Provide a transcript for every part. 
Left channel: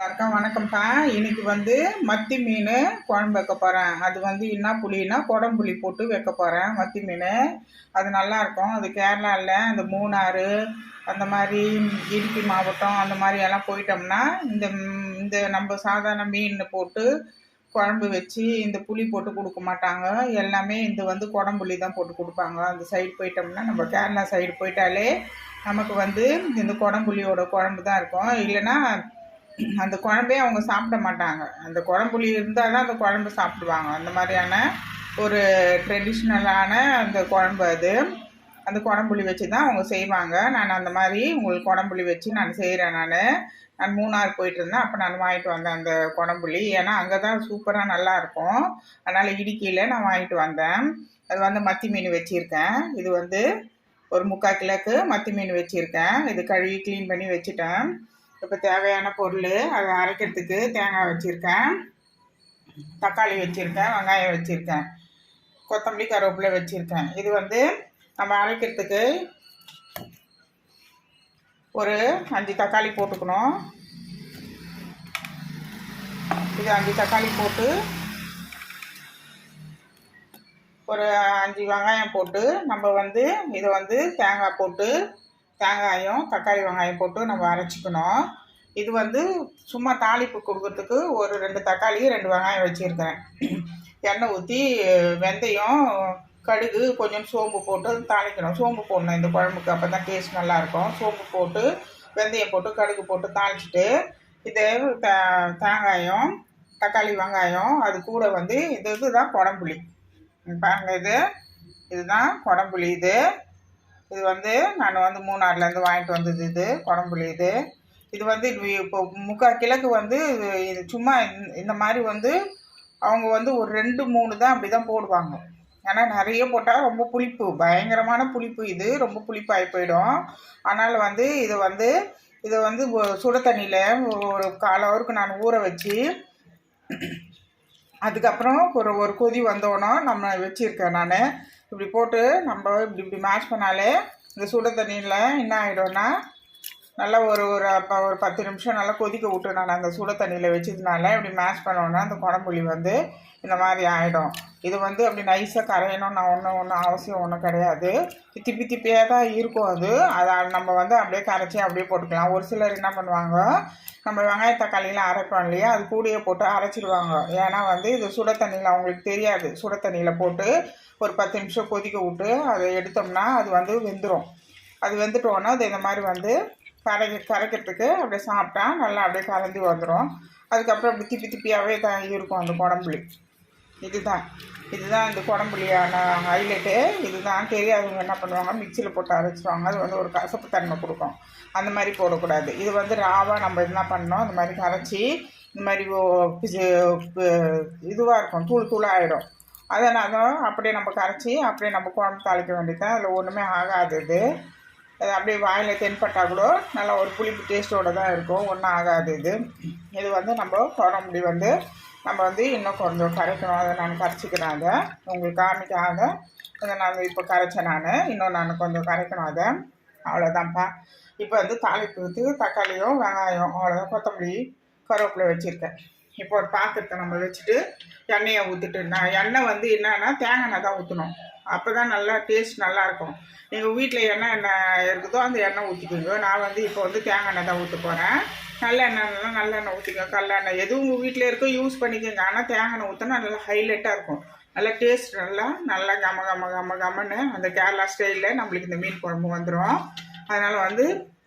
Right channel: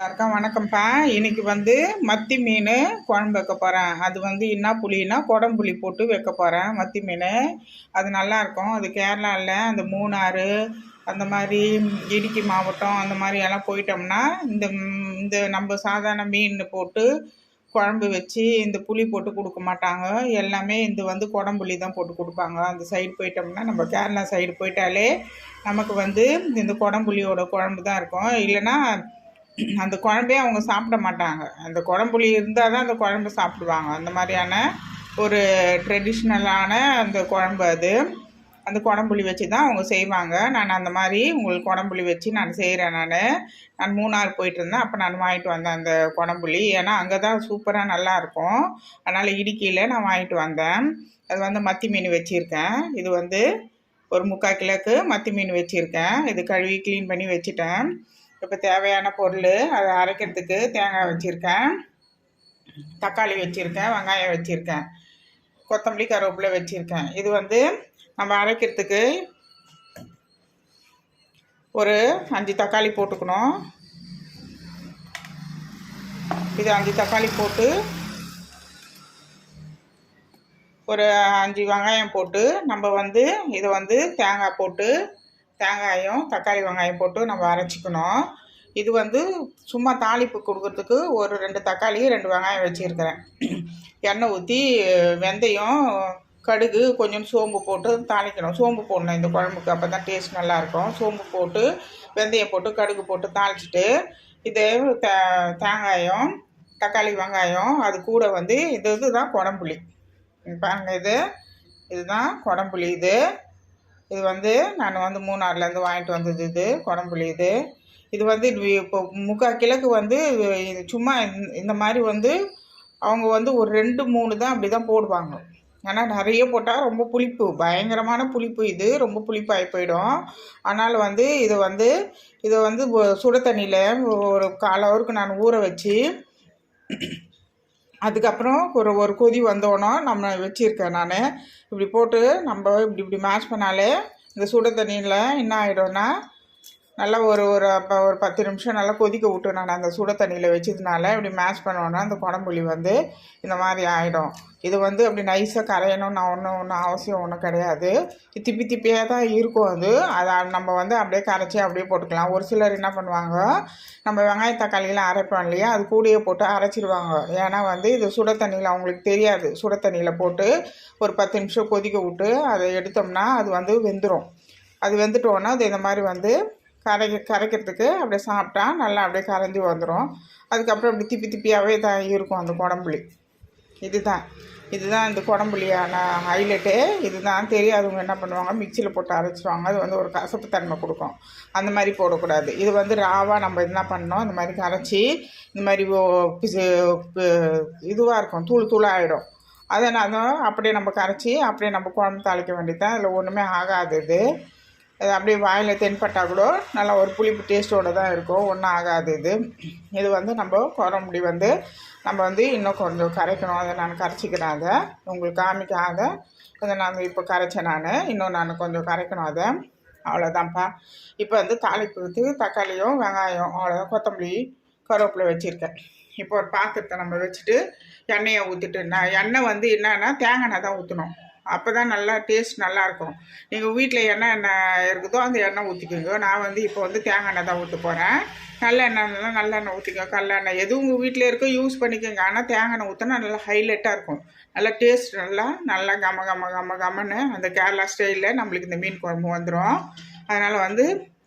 வணக்கம் வணக்கம்ப்பா. இன்னைக்கு மத்தி மீன் குழம்பு வைக்க போகிறேன். அது என்ன புளின்னா குடம்புளி போட்டு வைக்க போகிறேன் மத்தி மீன். அது நல்லாயிருக்கும். அது கேரளாவில் அந்த மூணாறு அந்த மாதிரி இடுக்கி மாவட்டம் அந்த மாதிரி எல்லாம் போயிட்டோம்னா இந்த இந்த நம்ம சாதாரண மீன் போட்டு குழம்பு வச்சு இந்த புளி போட்டு கொடுக்க மாட்டாங்க. எல்லாமே இந்த குடம்புளி தான் போட்டு கொடுப்பாங்க. அந்த சைடு போயிட்டோம்னா நம்ம கேரளா சைடு போயிட்டாலே நமக்கு இந்த குடம்புளியோட குழம்பு தான் இருக்கும். இல்லைன்னா அந்த குழம்பே அவங்க சாப்பிட மாட்டாங்க. அந்த குழம்புளி இருந்தால் தான் அந்த குழம்பு சாப்பிடுவாங்க. அந்த மாதிரியான ஒரு ட்ரெடிஷ்னலான அந்த குழம்பு அது. அந்த குடம்புளி வச்சு தான் அவங்க செய்வாங்க. நான் அந்த மாதிரி உங்களுக்கு குடம்புளி வச்சு நான் செய்கிறேன். நான் மூணார் போயிட்டு இருந்தேன். அப்போ நான் வாங்கிட்டு வந்தேன் அந்த குடம்புளி. ஏன்னா அங்கே தான் சூப்பராக நல்லாயிருக்கும். அதனால் இடுக்கியில் நான் வாங்கிட்டு வந்தேன். அது மத்தி மீன் வச்சுருக்கேன். இது ஒரு 3/4 கிலோக்கு மத்தி மீன் வச்சுருக்கேன். இது கழுவி க்ளீன் பண்ணி வச்சுட்டேன். இப்போ தேவையான பொருள் அதை அரைக்கிறதுக்கு தேங்காய் வச்சுருக்கேன், தக்காளி வச்சுருக்கேன், வெங்காயம் வச்சுருக்கேன், கொத்தமல்லி கருவேப்பிலை வச்சுருக்கேன். இது நம்ம அரைக்கிறதுக்கு ஒரு 5 தக்காளி போட்டுக்கணும். இது 5 தக்காளி போட்டு ஒரு 5 வெங்காயம் போட்டு நம்ம இதை தேங்காய் போட்டு தேங்காயும் தக்காளி வெங்காயம் போட்டு நம்ம அரைச்சிக்கணும். இது சும்மா தாளிப்பு கொடுக்கறதுக்கு ஒரு 2 தக்காளி 2 வெங்காயம் வச்சுருக்கிறேன். எண்ணெய் ஊற்றி வெந்தயம் கடுகு கொஞ்சம் சோம்பு போட்டு தாளிக்கணும். சோம்பு போடணும் இந்த குழம்புக்கு, அப்போ தான் டேஸ்ட் நல்லாயிருக்கும். சோம்பு போட்டு வெந்தயம் போட்டு கடுகு போட்டு தாளிச்சிட்டு இது தேங்காயம் தக்காளி வெங்காயம் அது கூட இதுதான் குடம்புளி. பாருங்கள், இதுதான் குடம்புளி. இது நான் மூணாறுலேருந்து வாங்கிட்டு வந்தது. இது குடம்புளி. இது இப்போ 3/4 கிலோக்கு இது சும்மா இந்த மாதிரி அவங்க ஒரு 2-3 தான் அப்படி தான் போடுவாங்க. ஏன்னா நிறைய போட்டால் ரொம்ப புளிப்பு, பயங்கரமான புளிப்பு. இது ரொம்ப புளிப்பாகி போயிடும். அதனால் இதை சுட தண்ணியில் ஒரு 1/4 ஹவருக்கு நான் ஊற வச்சு அதுக்கப்புறம் ஒரு கொதி வந்தோன்னே நம்ம வச்சுருக்கேன். நான் இப்படி போட்டு நம்ம இப்படி மேஷ் பண்ணாலே இந்த சுட தண்ணியில் என்ன ஆகிடும்னா நல்லா ஒரு 10 நிமிஷம் நல்லா கொதிக்க விட்டு நான் அந்த சுட தண்ணியில் வச்சதுனால இப்படி மேஷ் பண்ணோன்னா அந்த குடம்புளி இந்த மாதிரி ஆகிடும். இது அப்படி நைஸாக கரையணும்னு ஒன்றும் அவசியம் ஒன்றும் கிடையாது. திப்பி திப்பியாக தான் இருக்கும். அதை நம்ம அப்படியே கரைச்சி அப்படியே போட்டுக்கலாம். ஒரு சிலர் என்ன பண்ணுவாங்க, நம்ம வெங்காய தக்காளியெலாம் அரைப்போம் இல்லையா, அது கூடயே போட்டு அரைச்சிடுவாங்க. ஏன்னா இது சுட தண்ணியில் அவங்களுக்கு தெரியாது. சுட தண்ணியில் போட்டு ஒரு 10 நிமிஷம் கொதிக்க விட்டு அதை எடுத்தோம்னா அது வெந்துடும். அது வெந்துட்டோன்னா அது இந்த மாதிரி கரைக்கிறதுக்கு அப்படியே சாப்பிட்டா நல்லா அப்படியே கரைஞ்சி வந்துடும். அதுக்கப்புறம் அப்படி திப்பி திப்பியாகவே தான் இருக்கும் அந்த குடம்புளி. இதுதான் இந்த குடம்புளியான ஹைலைட்டு. இதுதான் தெரியாதவங்க என்ன பண்ணுவாங்க, மிக்சியில் போட்டு அரைச்சிடுவாங்க. அது ஒரு கசப்பு தன்மை கொடுக்கும். அந்த மாதிரி போடக்கூடாது. இது ராவாக நம்ம என்ன பண்ணணும், அந்த மாதிரி கரைச்சி இந்த மாதிரி இதுவாக இருக்கும், தூள் தூளாக ஆகிடும். அதனால் அப்படியே நம்ம கரைச்சி அப்படியே நம்ம குழம்பு தாளிக்க வேண்டியது. அதில் ஒன்றுமே ஆகாது. அது அப்படியே வாயில் தென்பட்டால் கூட நல்லா ஒரு புளிப்பு டேஸ்ட்டோடு தான் இருக்கும், ஒன்றும் ஆகாது. இது நம்ம குழம்புடி நம்ம இன்னும் கொஞ்சம் கரைக்கணும். அதை நான் கரைச்சிக்கிறேன். அதை உங்களுக்கு காமிக்காத அதை நான் இப்போ கரைச்சேன். இன்னும் நான் கொஞ்சம் கரைக்கணும் அதை. அவ்வளோதான்ப்பா. இப்போ தாளிப்புக்கு தக்காளியும் வெங்காயம் அவ்வளோதான், கொத்தமல்லி கருவேப்பிலை வச்சுருக்கேன். இப்போ ஒரு பாத்திரத்தை நம்ம வச்சுட்டு எண்ணெயை ஊற்றிட்டு, நான் எண்ணெய் என்னன்னா தேங்காய் எண்ணெய் தான் ஊற்றணும். அப்போ தான் நல்லா டேஸ்ட் நல்லாயிருக்கும். எங்கள் வீட்டில் எண்ணெய் இருக்குதோ அந்த எண்ணெய் ஊற்றிக்கோங்க. நான் இப்போ தேங்காய் எண்ணெய் தான் ஊற்ற போகிறேன். நல்லெண்ணெய்லாம் நல்லெண்ணெய் ஊற்றிக்கோங்க. கடலெண்ணெய் எதுவும் உங்கள் வீட்டில் இருக்கோ யூஸ் பண்ணிக்கோங்க. ஆனால் தேங்காய் எண்ணெய் ஊற்றினா நல்லா ஹைலைட்டாக இருக்கும். நல்லா டேஸ்ட் நல்லா கம்மன்னு அந்த கேரளா ஸ்டைலில் நம்மளுக்கு இந்த மீன் குழம்பு வந்துடும். அதனால்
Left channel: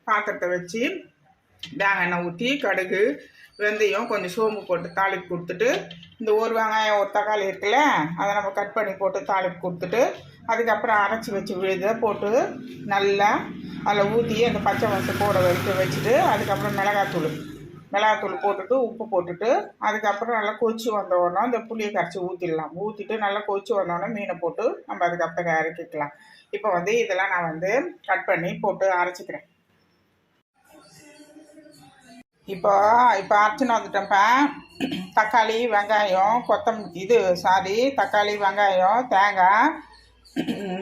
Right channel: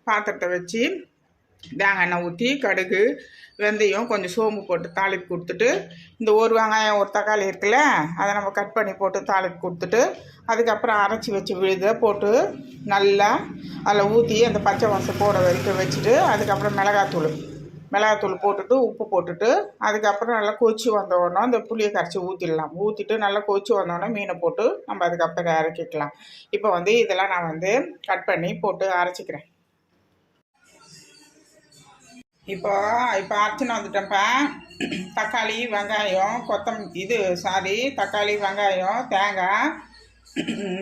பாத்திரத்தை வச்சு தேங்காய் எண்ணெய் ஊற்றி கடுகு வெந்தயம் கொஞ்சம் சோம்பு போட்டு தாளிப்பு கொடுத்துட்டு, இந்த ஒரு வெங்காயம் ஒரு தக்காளி இருக்குல்ல, அதை நம்ம கட் பண்ணி போட்டு தாளிப்பு கொடுத்துட்டு, அதுக்கப்புறம் அரைச்சி வச்சு இதை போட்டு நல்லா அதில் ஊற்றி அந்த பச்சை வாசம் போட வரைக்கும் வச்சுட்டு, அதுக்கப்புறம் மிளகாத்தூள் போட்டுட்டு உப்பு போட்டுட்டு, அதுக்கப்புறம் நல்லா கொதிச்சு வந்தோடனே அந்த புளியை கரைச்சி ஊற்றிடலாம். ஊற்றிட்டு நல்லா கொதிச்சு வந்தோடனே மீனை போட்டு நம்ம அதுக்கப்புறம் இறக்கிக்கலாம். இப்போ இதெல்லாம் நான் கட் பண்ணி போட்டு அரைச்சிக்கிறேன். இப்போ அரைச்சின்னு வந்துட்டேன்ப்பா. தக்காளி வெங்காயம் தக்காளி வெங்காயம் தேங்காய்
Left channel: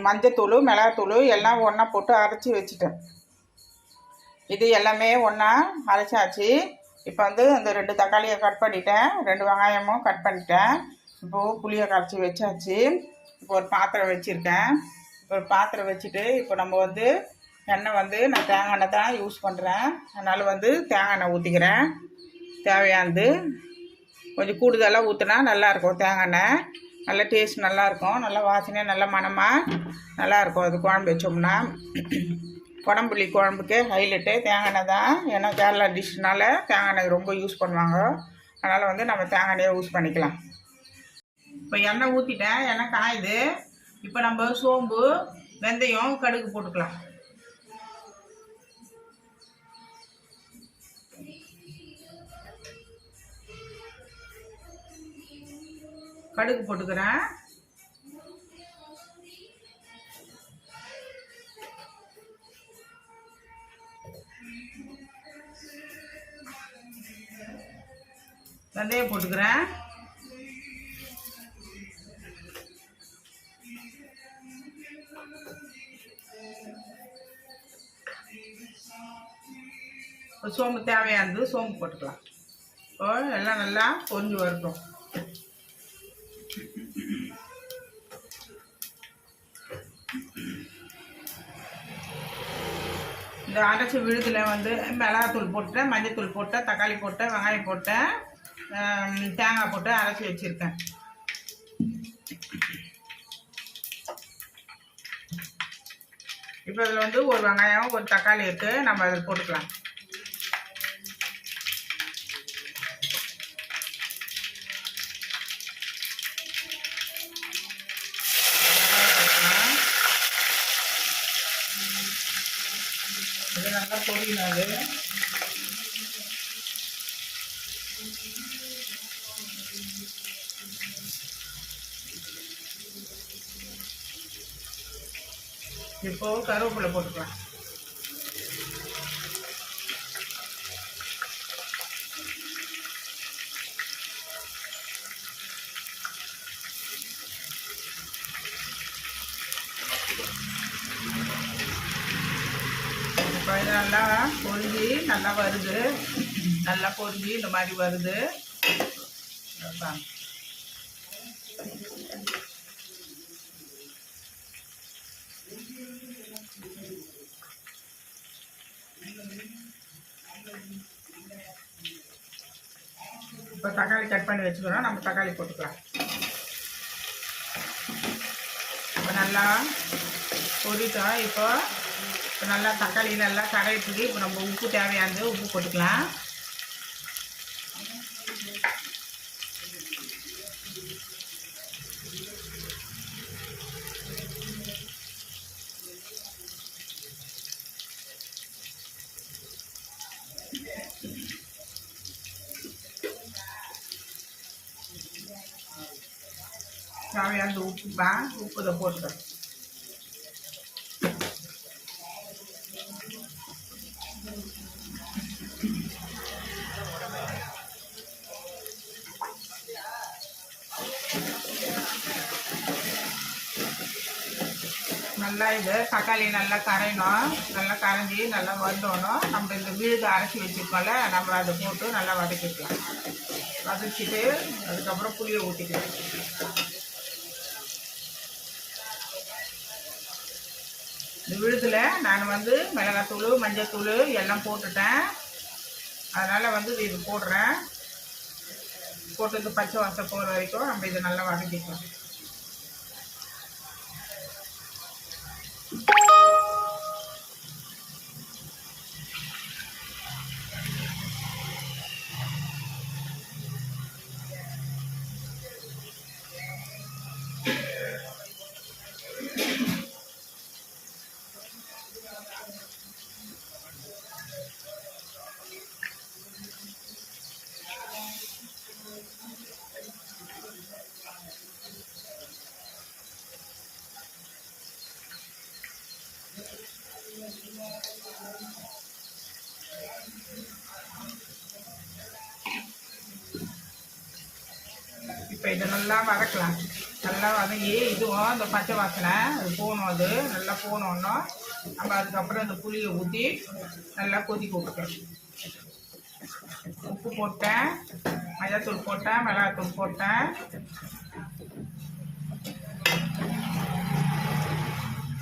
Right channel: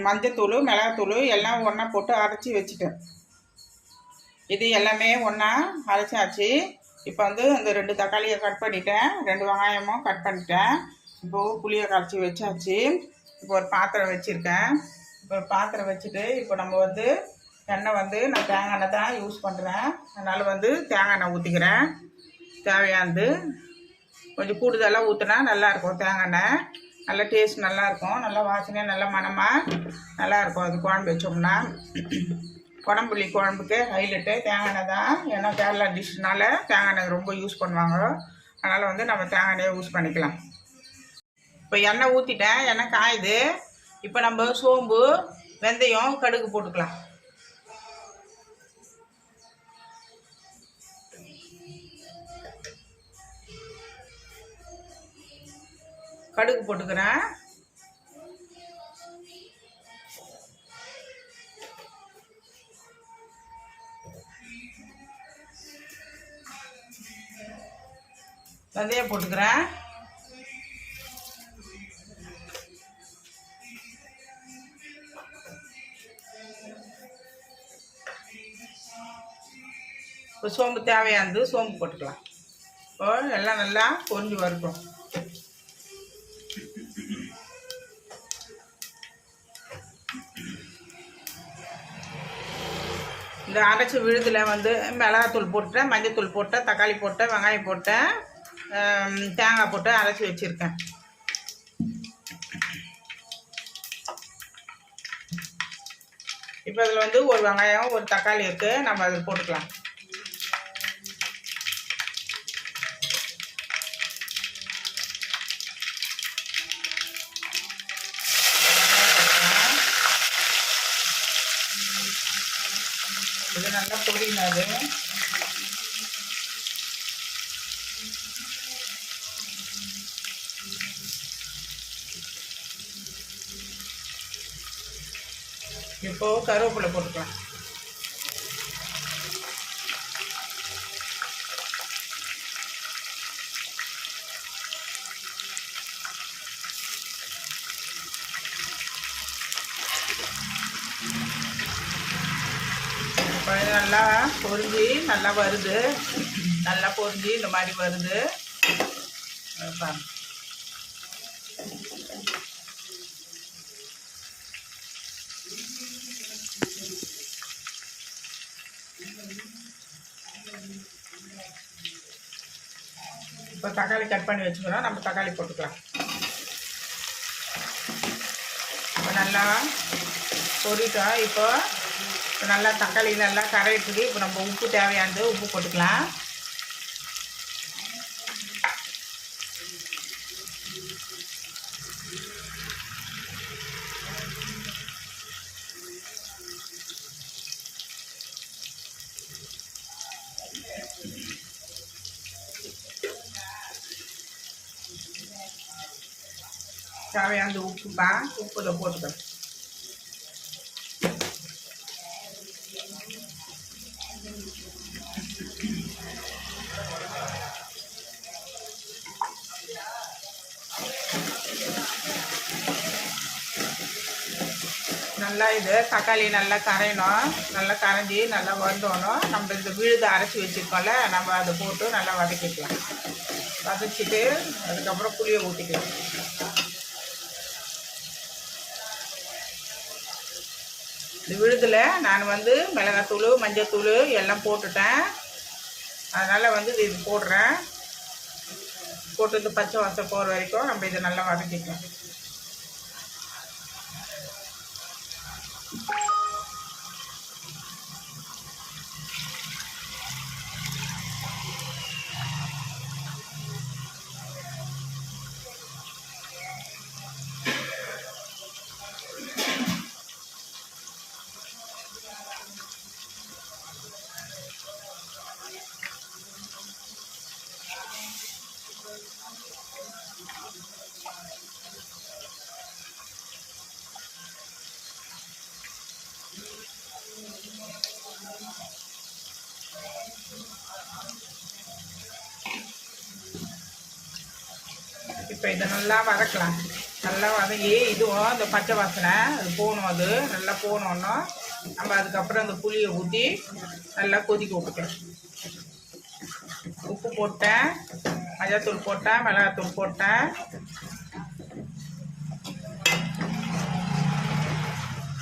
மஞ்சத்தூள் மிளகாத்தூள் எல்லாம் ஒன்றா போட்டு அரைச்சி வச்சுட்டேன். இது எல்லாமே ஒன்றா அரைச்சாச்சு. இப்போ வந்து அந்த 2 தக்காளியை கட் பண்ணிட்டேன், 2 வெங்காயமும் கட் பண்ணிட்டேன். இப்போது புளியை கரைச்சி வச்சாச்சு. இப்போ ஒரு பாத்திரம் வச்சுருக்கேன். இப்போ ஒரு பாத்திரம் வச்சுட்டு இப்போ நம்ம வந்து எண்ணெய் வந்து நான் தேங்காய் எண்ணெய் தான் யூஸ் பண்ணுறேன். அதனால் வந்து தேங்காய் எண்ணெய் ஊற்றிக்கிறேன். தேவையானது கொஞ்சம் கூடுதலாக ஊற்றினா நல்லாயிருக்கும். தேங்காய் எண்ணெய் நல்லா டேஸ்ட் நல்லாயிருக்கும், நல்லா வாசனையாக நல்லா மணமாக நல்லாயிருக்கும். அது குழம்பு வச்சோம்னா குழம்புளி குழம்புக்கு ஹைலைட்டு தேங்காய் எண்ணெய் தான். ஏன்னா கேரளா டிஷ்னால தேங்காய் எண்ணெய் ரொம்ப யூஸ் பண்ணுவாங்க. அதனால் வந்து நம்ம தேங்காய் எண்ணெயை யூஸ் பண்ணிக்கலாம். இப்போ எண்ணெய் ஊற்றிட்டேன், எண்ணெய் காயுது. இப்போ நம்ம சோம்பு, வெந்தயம், கடுகு போட்டுக்கலாம். கடுகு போட்டுக்கிறேன். வெந்தயம் போட்டுக்கிறேன். இப்போ சோம்பு தேவையானது சோம்பு போட்டுக்கலாம். இப்போ எல்லாம் நல்லா பொரிஞ்சு வரட்டும். இந்த அரைச்சி விழுதில் வந்து மிளகாத்தூள் போட்டேன், மஞ்சத்தூள் போட்டேன், தக்காளி போட்டேன், வெங்காயம் போட்டேன், தேங்காய் போட்டு அரைச்சி வச்சுருக்கேன். இப்போ இதில் வந்து ஒரு வெங்காயம், ஒரு தக்காளி இருக்குது, நம்ம அதில் போட்டுக்கலாம். இது நல்லா பொரியணும். அது இப்போ கருவேப்பிலை போட்டுக்கலாம். நல்லா பொரிஞ்சு நல்லா வருது, நல்லா பொரிஞ்சு இந்த மாதிரி வருது. இப்போ தக்காளி கட் பண்ணி வச்சுக்கிறோம், நம்ம தக்காளி போட்டுக்கலாம். இப்போ நல்லா பொரிட்டோம். இப்போ நல்லா தக்காளி நல்லா கரையிட்டு இப்போ நம்ம உப்பு தேவையானது உப்பு போட்டுக்கலாம். தேவையானது உப்புப்பா, உப்பு இதை போட்டுக்கிறேன். நல்லா இது தக்காளி நல்லா கரையணும், நல்லா கரைஞ்சி நல்லா வதங்கணும். நம்ம இந்த விழுது அரைச்சி வச்சுருக்கோம்ல, நம்ம அதை போட்டு நல்லா வதக்கிக்கலாம். வதச்சிட்டு அதுக்கப்புறம் புளியை ஊற்றிக்கலாம். இந்த விழுதில் நான் வந்து மிளகாத்தூள், மஞ்சத்தூள் எல்லாம் போட்டுட்டேன். அதனால் வந்து இது போடுறேன். போட்டு இந்த பச்சை வாசம் போகிற வரைக்கும் நம்ம இதை நல்லா வதக்கிக்கலாம். இப்போ இதை நல்லா வதக்கலாம். நல்லா வதங்கி இதுவும் அந்த பச்சை வாசனை அது போகணும். அது நல்லா போகணுன்னா நம்ம அதுக்கப்புறம் அந்த புளியை ஊற்றி நல்லா கொதிக்க வைக்கலாம். உப்பு போட்டேன், மஞ்சள்தூள் போட்டேன், மிளகாத்தூள் போட்டேன்.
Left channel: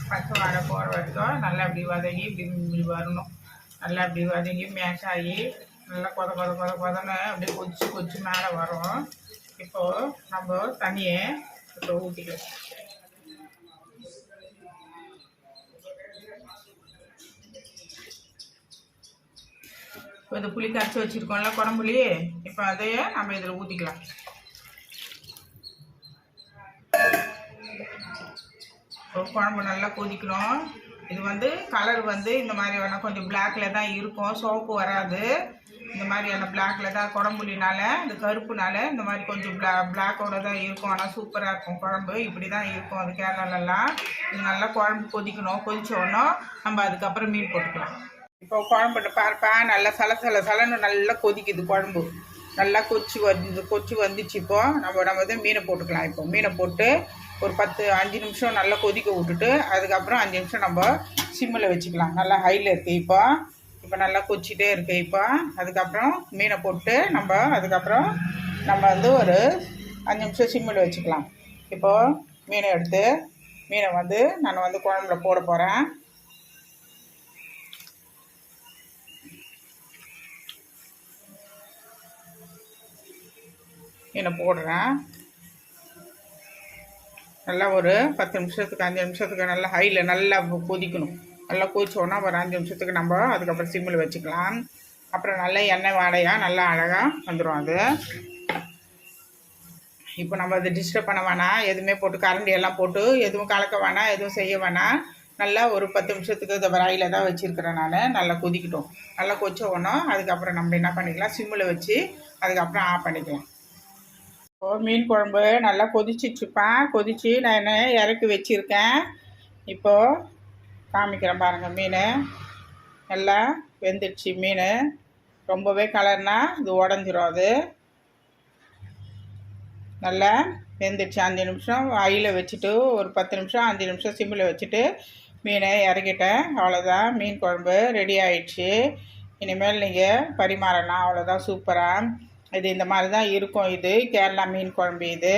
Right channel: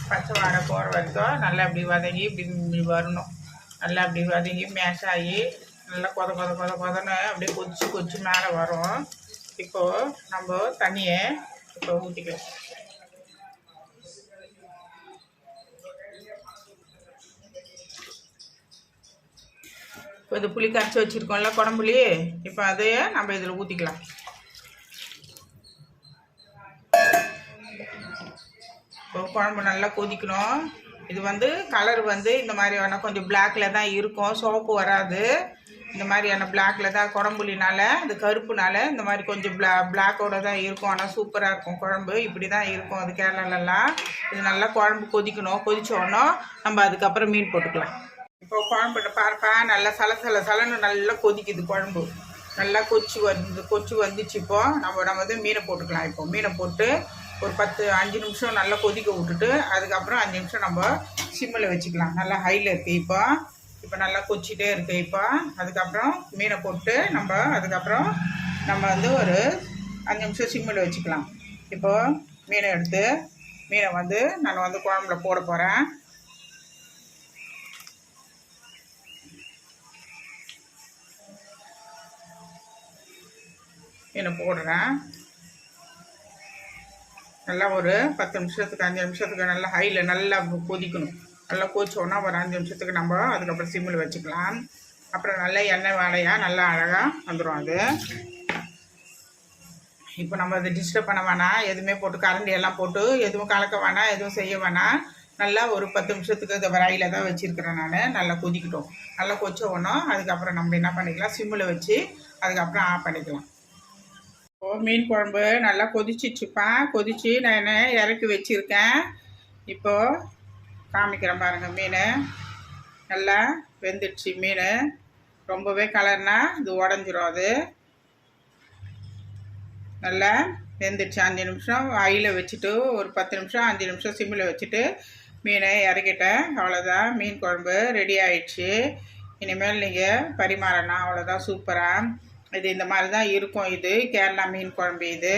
பச்சை வாடை போகிற வரைக்கும் நல்லா இப்படி வதங்கி இப்படி வரணும். நல்லா இப்படி வதங்கி மேஷ் ஆகி நல்லா கொதன்னு அப்படியே கொதிச்சு மேலே வரும். இப்போது நம்ம தண்ணியை இப்போ ஊற்றிக்கலாம். இப்போ இது புளி கரைச்சி வச்சுருக்கோம்ல குழம்புலி, இப்போ அதையே நம்ம இதில் ஊற்றிக்கலாம். இப்போ குழம்பு நல்லா கொதிக்கணும். இது வந்து கலர் வந்து இந்த மாதிரி வேணால் கொஞ்சம் பிளாக்ல தான் இருக்கும், சோப்பு வராது. இந்த மாதிரியான பிளாக்ல தான் குழம்புலினால, இந்த கருப்புனால இந்த மாதிரி கொஞ்சம் பிளாக்கோட தான் இருக்கும். ஆனால் சூப்பராக இருக்கும் குழம்பு. இப்படி தான் இருக்கும் அது கேரளாலெல்லாம். இது நல்லா குழம்பு கொதிக்கணும். கொதிச்சோடனே நம்ம அதுக்கப்புறம் மீன் போட்டுக்கலாம். இப்போ குழம்புட்டு பாருப்பா, நல்லா சலன்னு நல்லா கொதிக்குது குழம்பு. நல்லா கொச்சி வந்துச்சு. இப்போ நம்ம வந்து மீனை போட்டுக்கலாம். இப்போ மீனை போட்டு ஒரு 5 நிமிஷம் நல்லா கொதிக்க விட்டுட்டு அதுக்கப்புறம் 5 நிமிஷம் நம்ம சிம்மில் வச்சுக்கலாம். நல்லா ஹையில் இருக்குது. இப்போ நல்லா கொச்சிட்டே இருக்குது. இப்போ அதுக்கப்புறம் மீனை போட்டு அதுக்கப்புறம் நம்ம வந்து ஒரு 5 நிமிஷம் சிம்மில் வச்சுக்கலாம். இப்போது மீனை வந்து நான் வந்து குழம்புல போட போகிறேன். மீனை போடுறேன். நல்லா ஒரு 10 நிமிஷத்துக்கு 5 நிமிஷத்துக்கு நல்லா ஹையில் நல்லா கொதிக்கணும். நல்லா கொதிச்சோன்னா ஒரு 5 நிமிஷத்துக்கு நம்ம அதுக்கப்புறம் சிம்மில் வச்சுக்கலாம். அப்புறம் நல்லா எண்ணெய் வாடையாக நல்லா அழகாக வந்துடும் அது. இப்போ நம்ம அதை டிஸ்டர்ப் பண்ண வேணாம். எதுவுமே போட்டு கரண்டி எல்லாம் போட்டு எதுவும் கலக்க வேணாம், எதுவும் செய்ய வேணாம். நல்லா ஒரு 10 நிமிஷத்துக்கு இந்த ஹையில் தான் வச்சுருக்கிறேன் நான். நல்லா கொதிக்கட்டும். நல்லா கொதிச்சோன்னா அதுக்கப்புறம் நம்ம என்ன பண்ணிக்கலாம், சிம்மில் வச்சு அதுக்கப்புறம் ஆஃப் பண்ணிக்கலாம். இப்போது மீன் குழம்பு நல்லா கொதிச்சு நான் இறக்கி வச்சுருக்கேன். இப்போது காமிக்கிறேன் பாருங்கள். மீன் நல்லா வெந்துடுச்சு. மீன் ரொம்பவே கலர்னா இது உடஞ்சிரும். அது நல்லா வெந்துடுச்சு. 5 நிமிஷம் ஹையில் வச்சுட்டு ஒரு 10 நிமிஷம் 5 நிமிஷம் சிம்மில் வச்சுட்டு மீனை இறக்கிட்டேன். அவ்வளோதான், மீன் குழம்பு ரெடி ஆயிடுச்சு. இனிமேல் நீங்கள் பரிமாறலாம். அவ்வளோதான், சூப்பராக. இது இந்த மாதிரி தான் இருக்கும். இது கேரளா மீன் குழம்பு. இது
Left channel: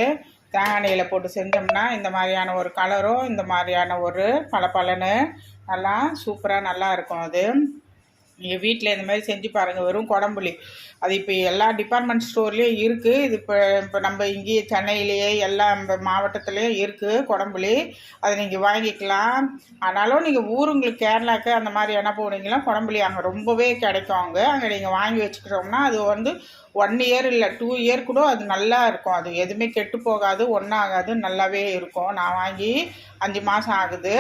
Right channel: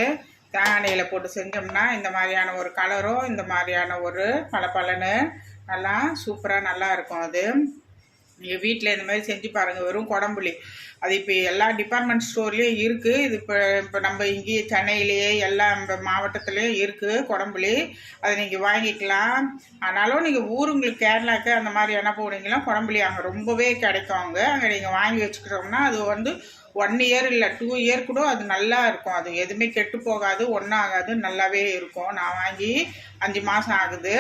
தேங்காய் எண்ணெயில் போட்டு செஞ்சோம்னா இந்த மாதிரியான ஒரு கலரும் இந்த மாதிரியான ஒரு பளபளன்னு நல்லா சூப்பராக நல்லா இருக்கும். அது நீங்கள் வீட்டில் இந்த மாதிரி செஞ்சு பாருங்கள். வெறும் குடம்புளி அது இப்போ எல்லா டிபார்ட்மெண்ட் ஸ்டோர்லேயும் இருக்குது. இது இப்போ நம்ம இங்கேயே சென்னையிலேயே எல்லா மாவட்டத்துலேயும் இருக்குது குடம்புளி. அதை நீங்கள் வாங்கிக்கலாம். ஆனாலும் நீங்கள் ஊருங்களுக்கு கேரளாவுக்கு அந்த மாதிரி என்ன போனீங்கன்னா குடம்புளி அங்கே ரொம்பவே கிடைக்கும். அங்கே நீங்கள் வாங்கி வச்சுக்கிட்டோம்னா அது வந்து 1 இயர் இல்லை 2 இயர் கூட அது நல்லா இருக்கும். அது எதுவுமே கெட்டு போகாது, ஒன்றும் ஆகாது, நல்லாவே இருக்கும். நான் வாங்கி 5 மாதம் ஆகுது.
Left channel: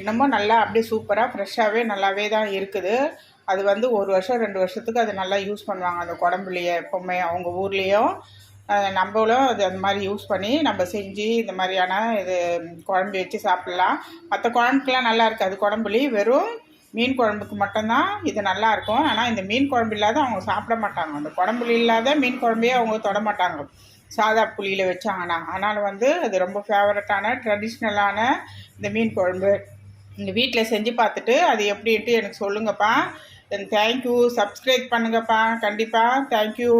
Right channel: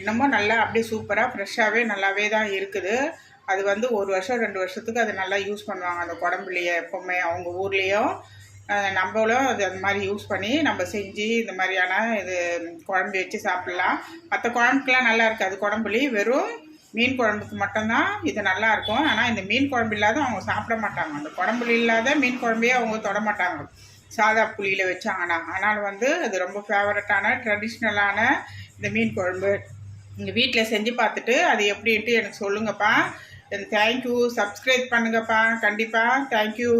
இன்னமும் நல்லா அப்படியே சூப்பராக ஃப்ரெஷ்ஷாகவே நல்லாவே தான் இருக்குது. அது வந்து 1 வருஷம் 2 வருஷத்துக்கு அது நல்லா யூஸ் பண்ணுவாங்க அந்த குடம்புளியை. எப்போவுமே அவங்க ஊர்லேயும் நம்மளும் அது அந்த மாதிரி யூஸ் பண்ணி நம்ம செஞ்சு இந்த மாதிரியான இது குழம்பு வச்சு சாப்பிட்லாம். மற்ற குழம்புக்கெலாம் நல்லா இருக்காது குடம்புளி. வெறும் மீன் குழம்புக்கு மட்டும்தான் இது நல்லாயிருக்கும். ஆனால் இந்த மீன் குழம்பு இல்லாத அவங்க சாப்பிட மாட்டாங்க. அந்த குடம்புளி இல்லாத மீன் குழம்பையே அவங்க தொட மாட்டாங்க சாதா புளியில் வச்சாங்கன்னா. அதனால் வந்து அது ரொம்ப ஃபேவரட்டான ட்ரெடிஷ்னலான இந்த மீன் குழம்பு இந்த வீட்டில் செஞ்சு பார்த்துட்டு அது எப்படின்ட்டு எனக்கு சொல்லுங்கப்பா. தேங்க்யூ. சப்ஸ்கிரைப் பண்ணுங்கப்பா கண்டிப்பாக. தேங்க்யூ.